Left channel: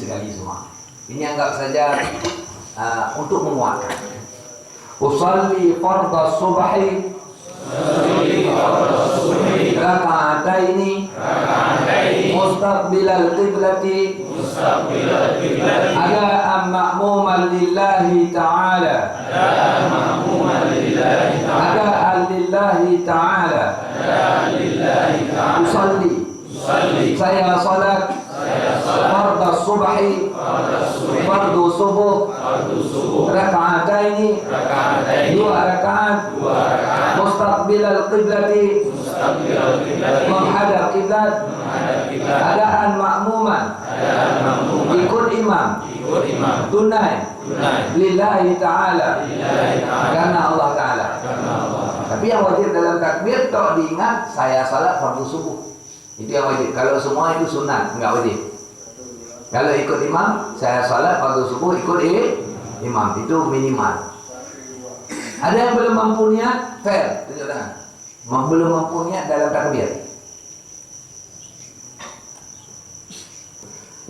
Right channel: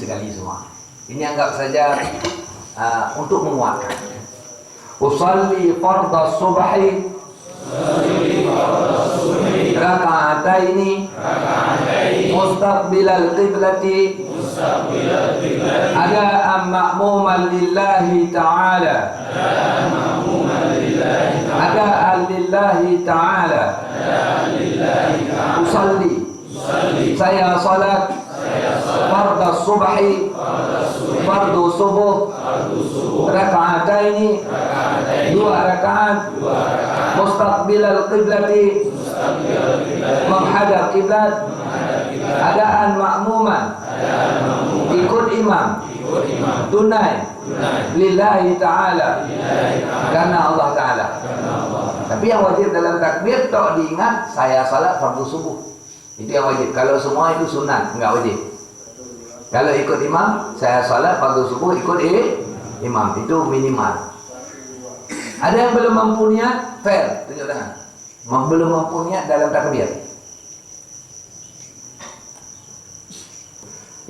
sekali semua. Ini anggap saja untuk menguatkan. Usalli fardhu subhi raka'ataini mustaqbilal qiblati adaan ma'muman lillahi ta'ala adaan lillahi ta'ala usalli saya salat fardhu subhi fardhu subuh raka'ataini dua rakaat mustaqbilal qiblati menghadap kiblat adaan ma'muman ikut imam tunai lillahi ta'ala karena Allah ta'ala. Tapi yang wajib dalam takbir tak diingat saya salat fardu subuh, itu yang wajib. Kalau semua itu sunat, enggak wajib. Kalau ikut imam saya salat fardu subuh ikut imam, itu minimal. Ada yang belum mampunya, fair, tunjuk tangan. Belum mampunya dalam takbir.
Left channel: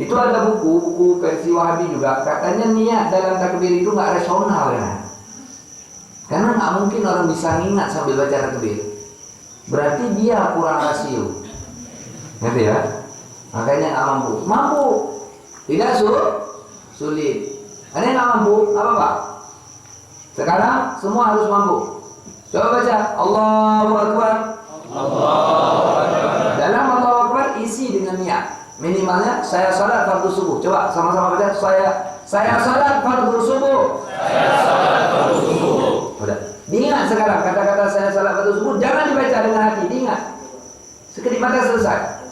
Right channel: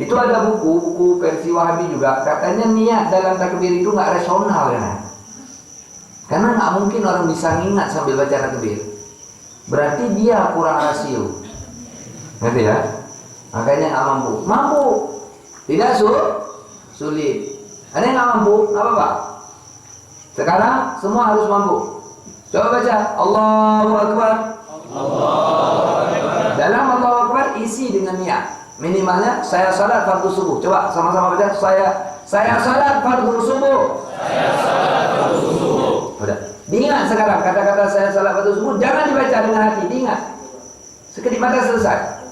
Itu ada buku versi Wahabi juga, katanya niat dalam takbir itu nggak rasional kan? Karena nggak mungkin orang bisa ngingat sambil baca takbir. Berarti dia kurang rasio, ngerti ya? Makanya nggak mampu. Mampu, tidak sulit. Ada yang nggak mampu, nggak apa-apa. Sekarang semua harus mampu. Coba baca Allahu Akbar. Dalam Allahu Akbar isi dengan niat. Minimalnya saya salat fardu subuh. Coba sama-sama baca saya salat fardu subuh. Udah. Diingat sekarang kata-kata saya salat fardu subuh jangan dibaca dengan hati, diingat. Sekedip mata selesai.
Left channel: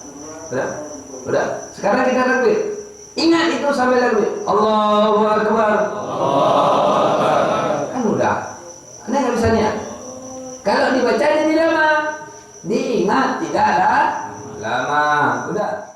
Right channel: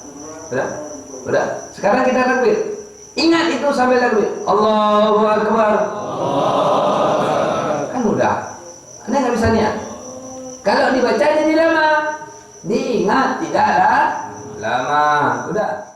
Udah. Sekarang kita takbir. Ingat itu sambil takbir. Allahu Akbar. Kan udah. Anda nggak bisa niat. Kalau dibaca jadi lama. Diingat tidaklah lama. Udah.